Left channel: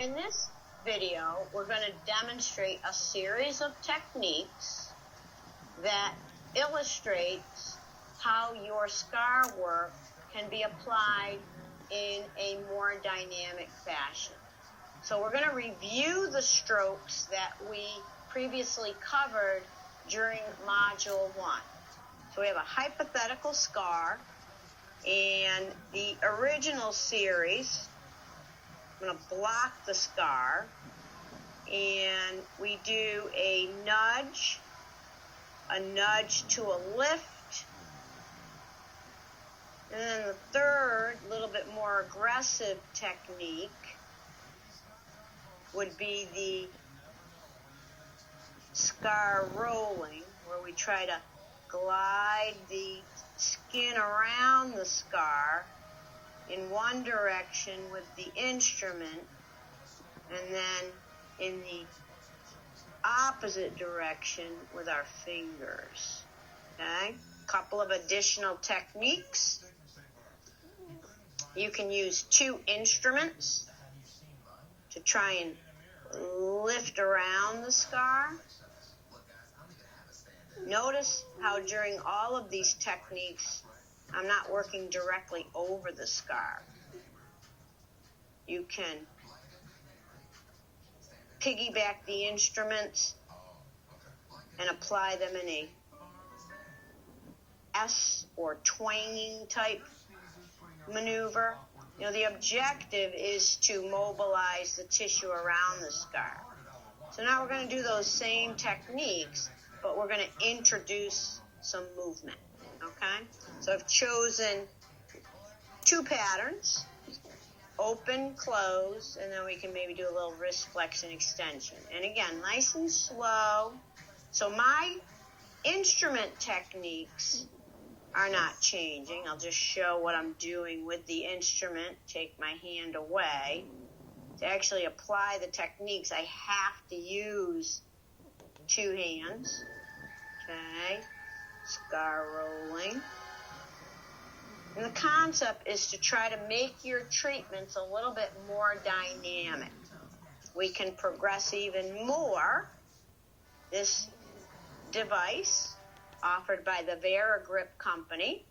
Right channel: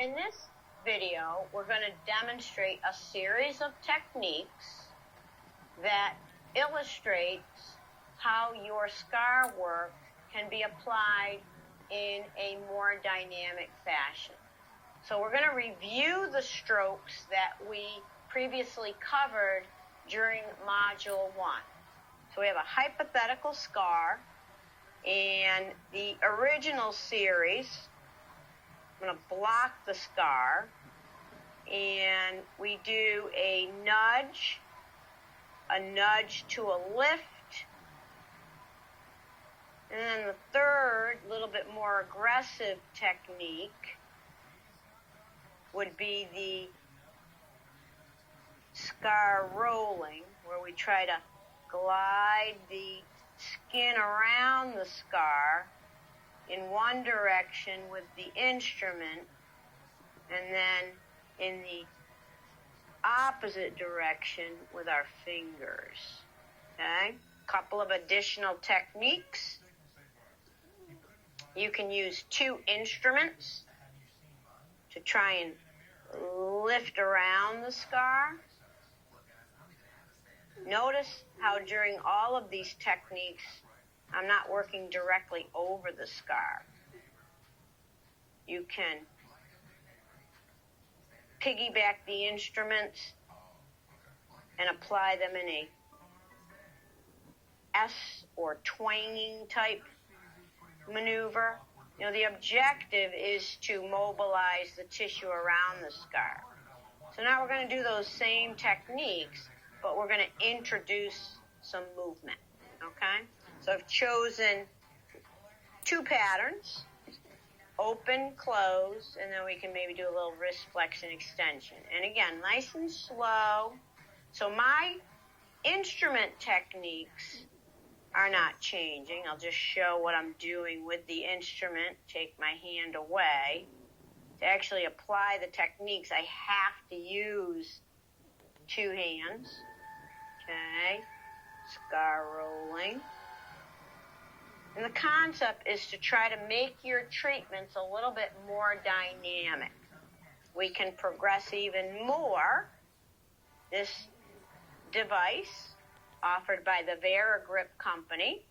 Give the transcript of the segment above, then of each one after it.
In this video, we're going to demonstrate a series of techniques that illustrates how your scar work can be applied in a more dynamic fashion. So we're going to review the strokes that we previously covered during Module 1. So we have a hypothetical scar, and the original series, I'm going to block the scar, and we do a nudge to a lift, and then the third, little bit more aggressive technique would be the scar rolling, where we try to glide the skin around the scar in one direction with the instrument, and then in the opposite direction with our fingers. Okay? A couple of additional techniques. You can use two instruments to try and lift around the scar. Notice how during all of these techniques, I'm not working directly over the scar. You can piggyback the instruments and apply them in a S or twining type maneuver. You know, the objective is to mobilize the tissue around the scar. So now we're going to do those same techniques, but we're going to introduce some movement, okay? So I've chosen two patterns, open, close, and then we can maybe do a little wrist flexion extension. And again, nice and slow. So my instrument techniques are not changing. I'll just show what I'm doing with the instrument, take my hand away. To actually apply the techniques, I have to use two hands. Okay, scar rolling. And the concept is to try to make your treatments a little bit more dynamic. We can progress even more. This device, offered by the VeraGrip company,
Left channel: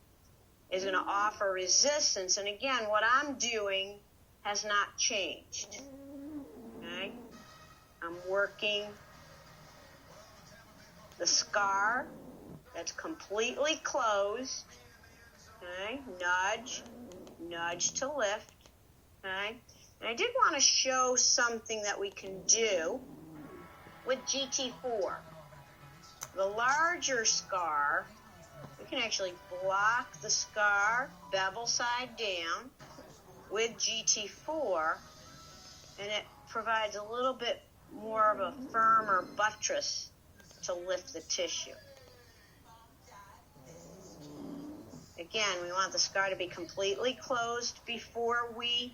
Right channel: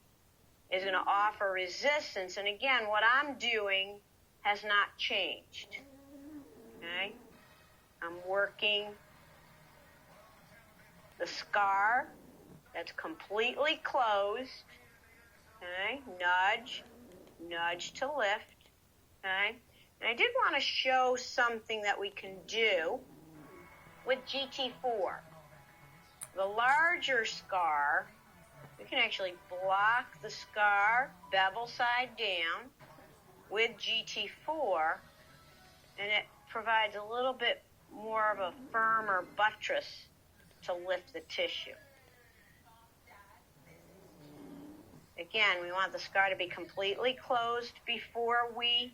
is going to offer resistance. And again, what I'm doing has not changed. Okay? I'm working the scar that's completely closed. Okay? Nudge to lift. Okay? And I did want to show something that we can do with GT4. The larger scar, we can actually block the scar bevel side down with GT4, and it provides a little bit more of a firmer buttress to lift the tissue. Again, we want the scar to be completely closed before we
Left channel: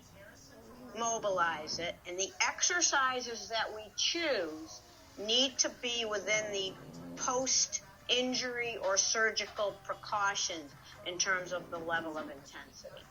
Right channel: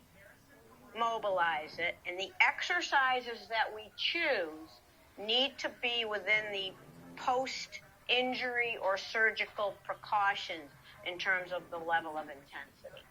mobilize it, and the exercises that we choose need to be within the post-injury or surgical precautions in terms of the level of intensity.